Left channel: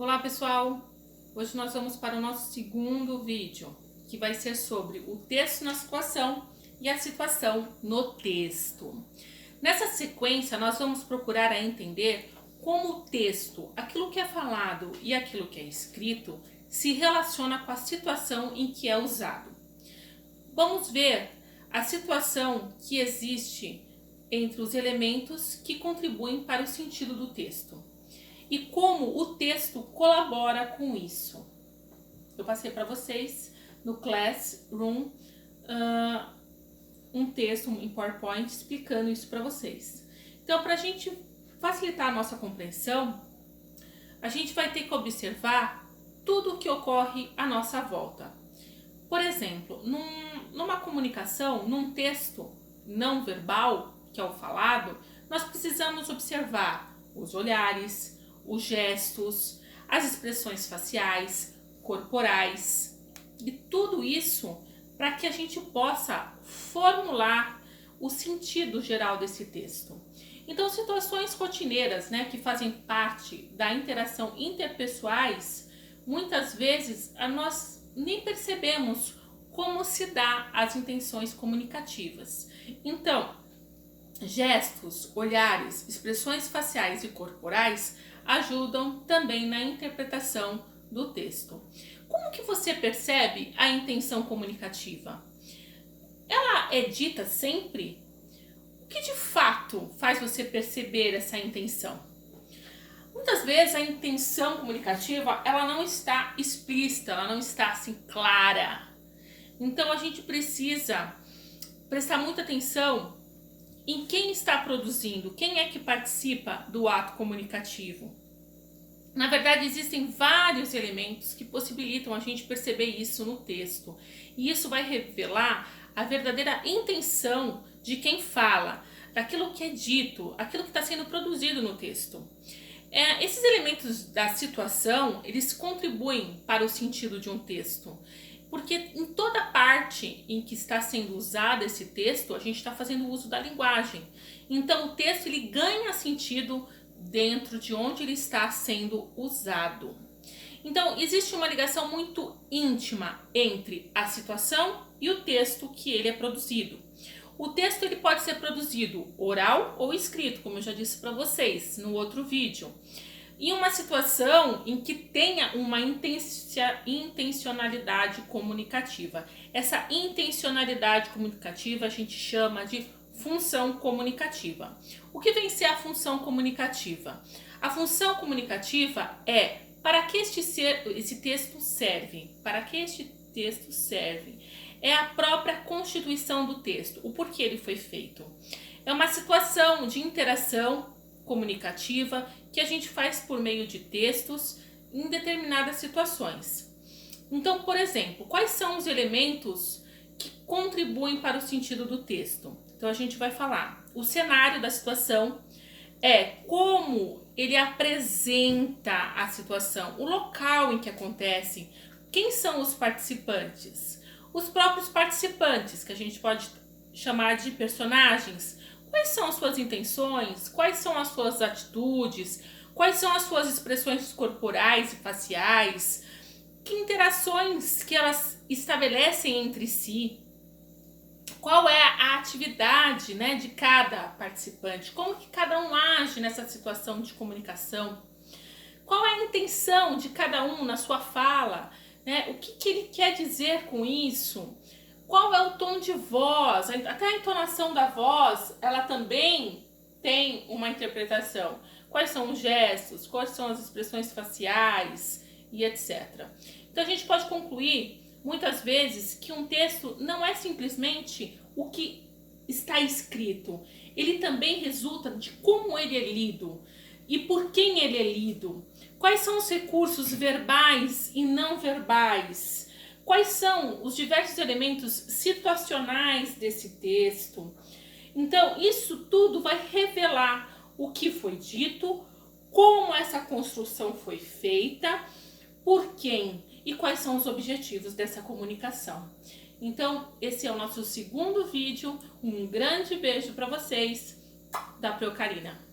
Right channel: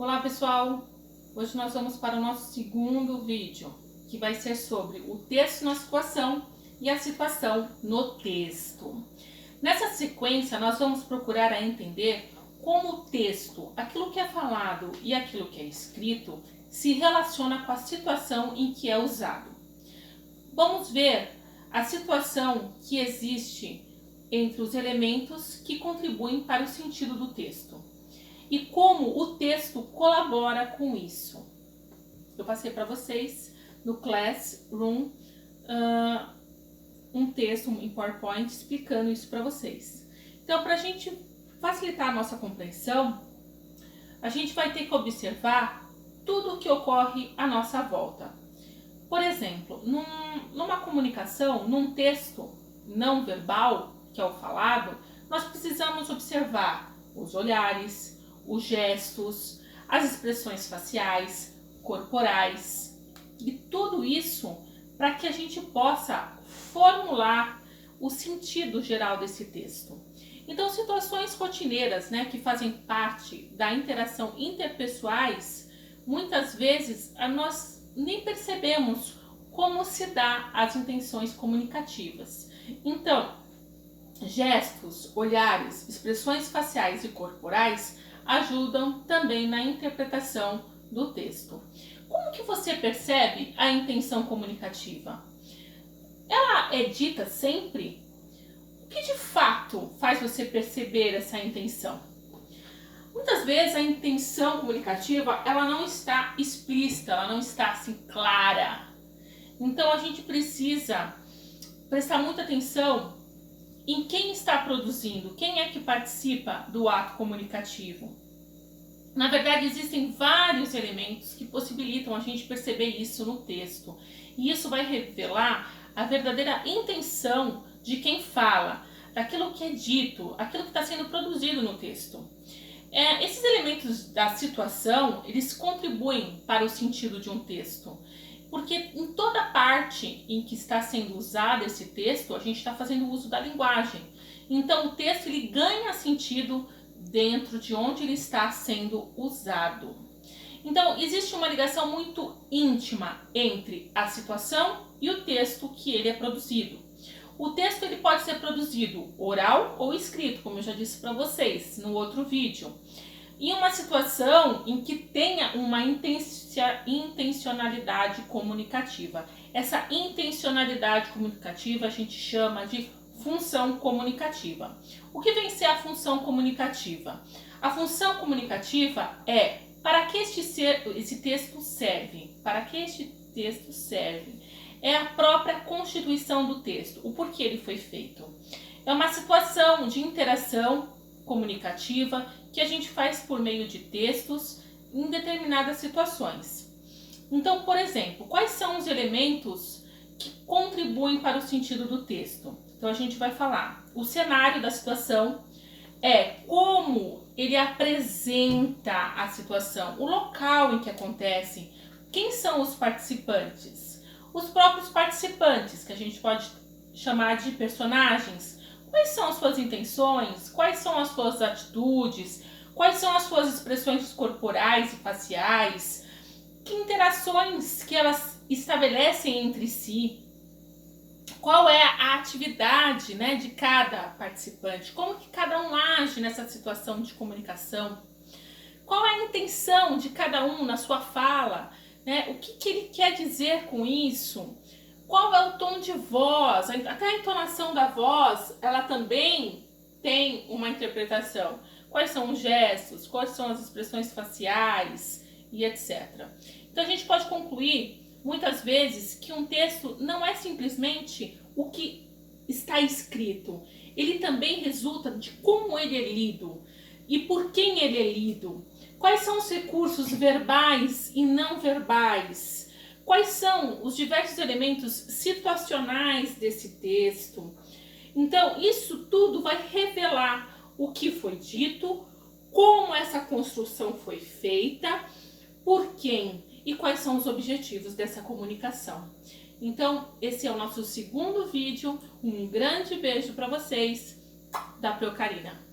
Olá pessoal, hoje nós vamos para o nosso segundo vídeo, que vai ser sobre o texto na situação e a situação no texto. Nessa sequência nós vamos procurar a entender como o texto, aquilo que é falado e aquilo que é escrito, se relaciona com a situação em que é usado. Vamos ver a situação que existe entre os elementos que contribuem para o sentido do texto e como o texto colabora com isso. Eu passei para vocês no Classroom um texto em PowerPoint explicando isso para vocês. Então, para a gente facilitar a nossa compreensão, a gente vai ter que observar tudo o que ocorre à nossa volta. Por exemplo, numa comunicação, num texto não verbal, que é o falado, nós precisamos observar os olhares, os gestos, as expressões faciais, corporais e tudo isso para que a gente possa formular o sentido geral desse texto. Então, situações rotineiras, que fazem parte da interação interpessoais, muitas vezes nós nem percebemos como se dá as intenções comunicativas. Então, gestos, olhares, expressões faciais e corporais ajudam também na interpretação do texto. Como que você percebe a intenção comunicativa? Ela é dita sempre? O que de fato faz você perceber essa intenção? Muitas vezes a intenção comunicativa ela não está explícita, ela não está assim clara. Então a gente precisa prestar muita atenção em quem está produzindo, quem é que participa do ato comunicativo. Na verdade, existem vários elementos que possibilitam a gente perceber isso no texto. E isso vai revelar a verdadeira intenção de quem fala, daquilo que é dito, aquilo que está sendo produzido no texto. Esses elementos da situação, eles contribuem para o sentido de um texto. Porque em toda parte em que está sendo usado esse texto, a gente está fazendo uso da linguagem. Então o texto ele ganha sentido dentro de onde ele está sendo usado. Então existe uma ligação muito íntima entre a situação e o texto que ele é produzido. O texto ele pode ser produzido oral ou escrito, como eu já disse para vocês no outro vídeo. Em uma situação em que tenha uma intencionalidade comunicativa. Essa intencionalidade comunicativa a gente chama de função comunicativa. O que vem ser a função comunicativa? A função comunicativa é para que esse texto serve. Para que este texto serve? É a própria constituição do texto, o porquê ele foi feito. É uma situação de interação comunicativa que a gente faz por meio de textos em determinadas situações. Então, por exemplo, quais são os elementos que contribuem para o sentido do texto? Então, a gente vai falar o cenário da situação, como ele apresenta a situação, o local em que acontece, quem são os participantes? Os próprios participantes, que a gente pode chamar de personagens. Quais são as suas intenções? Quais são as suas atitudes? Quais são as suas expressões corporais e faciais? Que interações que elas estabelecem entre si? Qual é a atividade, de cada participante? Como que cada um age nessa situação de comunicação? Qual é a intenção de cada um na sua fala? O que ele quer dizer com isso? Qual é o tom de voz? Até a entonação da voz, ela também tem uma interpretação. Quais são os gestos? Quais são as expressões faciais? E etc. Então a gente pode concluir, muitas vezes, que um texto não é simplesmente o que está escrito. Ele também resulta de como ele é lido e por quem ele é lido. Quais são os recursos verbais e não verbais? Quais são os diversos elementos situacionais desse texto? Então, isso tudo vai revelar o que foi dito, como essa construção foi feita, por quem e quais são os objetivos dessa comunicação. Então, esse é o nosso segundo vídeo. Um grande beijo para vocês da Procarina.